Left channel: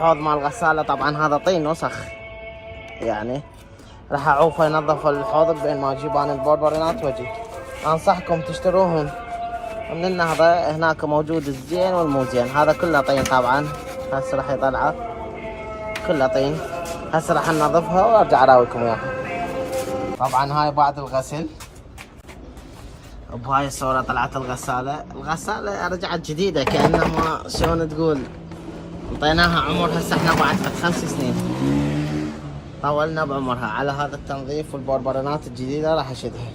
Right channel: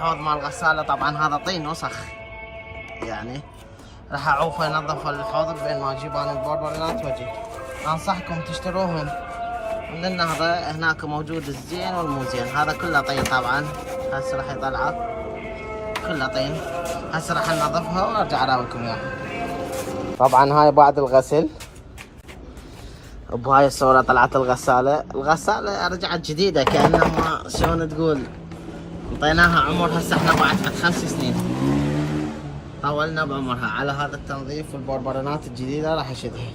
الحوض مال الغسالة طبعا هذا طين وسخ يعني، راح اعوفه ينظف الحوض بانه اجيب انا البوربرينات واجي. انصحكم تشتروهن، لان هذا هناك موجود الزين والمو زين. هذا كله طين طبعا، هسه راح يطلعه كله طين. هسه راح ننظفها وارجع اراويكم اياها. طبعا هاي بعد الغسل، بهاي الصورة طلعت الغسالة. الغسالة رجعت جديدة كأنها شلون تقول انطيناها عمر. هسه احنا بعد 5 سنين طولنا بعمرها على هذا التنظيف والبوربرونات الجديدة راح اشدها.